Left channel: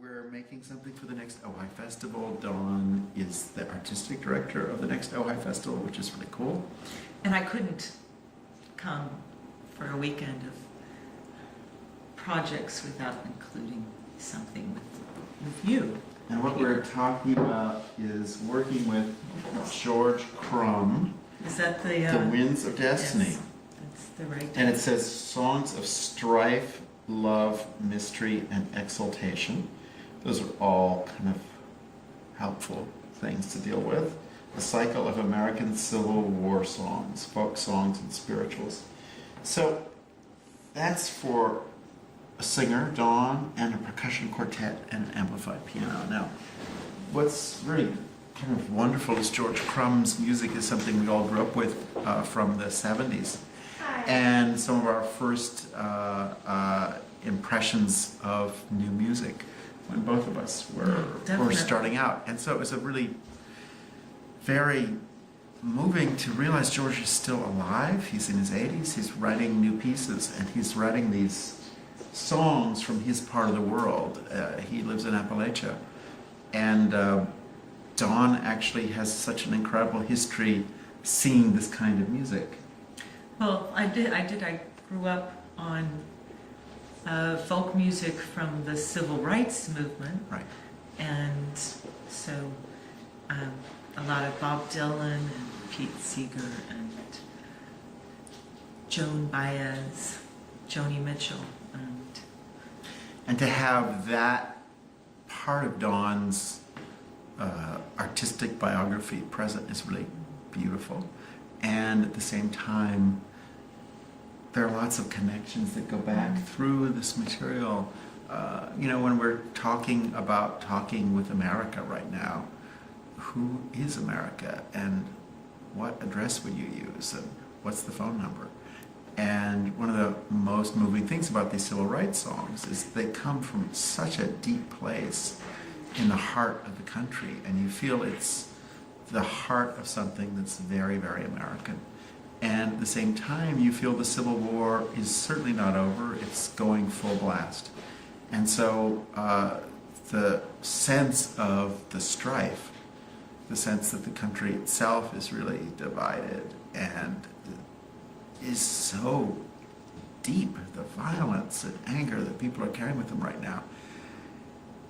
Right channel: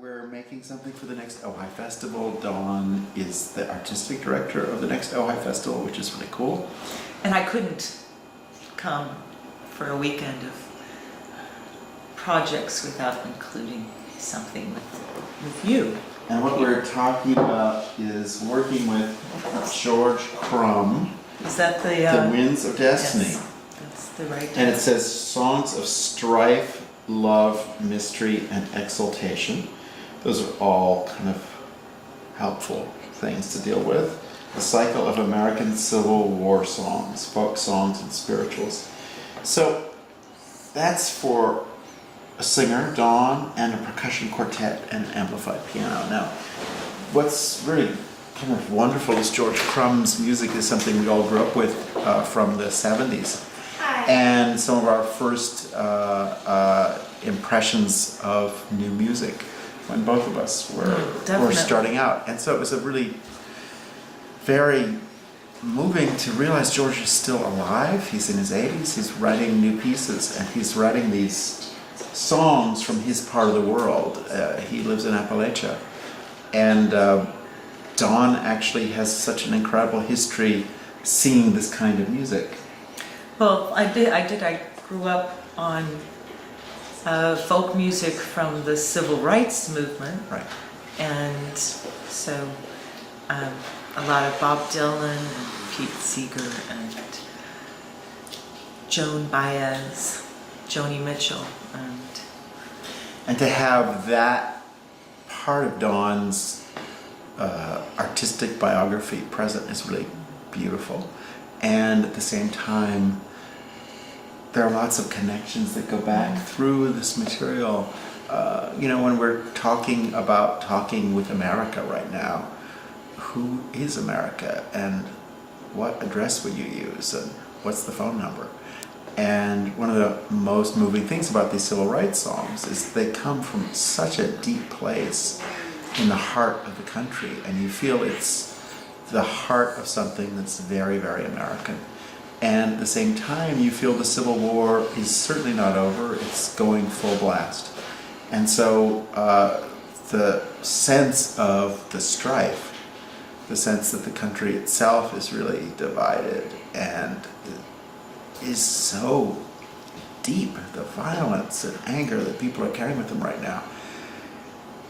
We're making something for the next Ojai Festival. Dawn is the artistic director of the next Ojai Festival, which is really cool. And I couldn't come for a weekend of projects without including something with you. And what we're talking about is working with George Crumb, Is that the Winds of Destiny. Yes, that's the right. And it says songs of strife, love, mystery, and exaltation. Those are all kind of helpful things to deal with. The cycle of American Civil War songs, folk songs, and spirituals. So that's for a singer, Dawn, and a percussion quartet and an amplified piano. Now, what's really kind of wonderful is George Crumb's music is something we all grew up with from the 70s. And some of our first impressions of new music when both of us were starting out. And so it was a really very moving to realize George is still alive. He's in his 80s, he's writing new pieces, and he's writing these songs from his part of the world. He lives in Appalachia. And Dawn actually has such an incredible history singing this kind of music. Well, I did. I grew up on folk music from the civil rights movement. Right. And so a lot of Bob Dylan and Pete Seeger and Joan Baez, Joni Mitchell. And to have that part of Dawn's artistic biography present is really beautiful. And at the same time, there are lots of connections that go back through this material. When we're talking about talking with America right now, who is America and what address would you use and what's the phone number? And one of the most moving things about these civil rights songs is they come from such a deep place in the heart of the country, and you feel it's the heart of something that's very, very American. And at the same time, you feel the Civil War is certainly not over, it's going full blast. And so the sense of the strife, the sense that the country itself is really divided and is so deep, the violence and anger that people are carrying with them right now.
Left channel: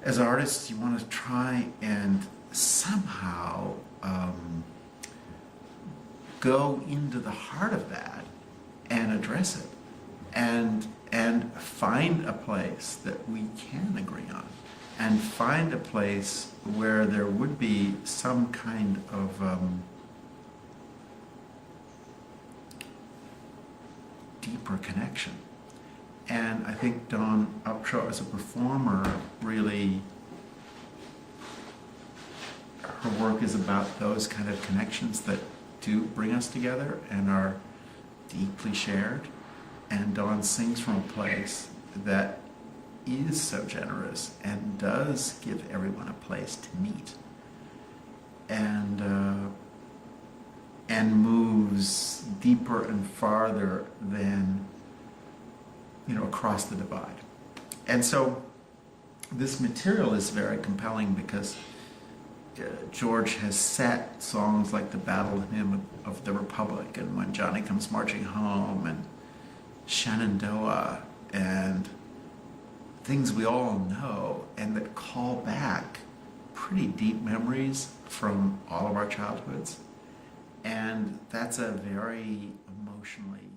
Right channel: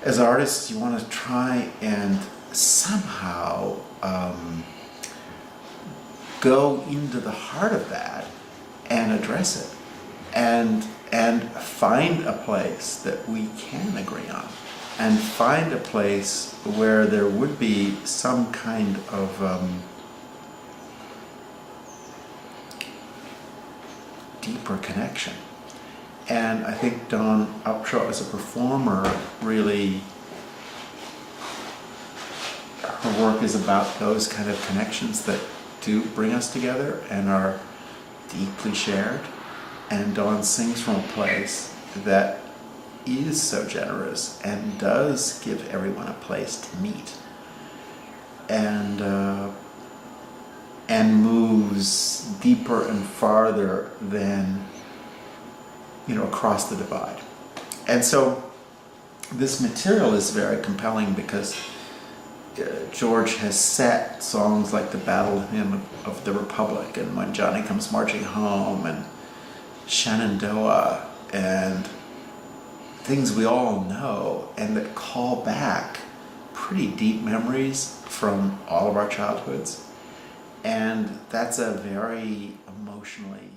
As artists, you want to try and somehow go into the heart of that and address it and find a place that we can agree on and find a place where there would be some kind of deeper connection. And I think Dawn Upshaw as a performer really, her work is about those kind of connections that do bring us together and are deeply shared. And Dawn sings from a place that is so generous and does give everyone a place to meet and moves deeper and farther than across the divide. And so this material is very compelling because George has set songs like the Battle Hymn of the Republic and When Johnny Comes Marching Home and Shenandoah and things we all know and that call back pretty deep memories from all of our childhoods. And that's a very emotionally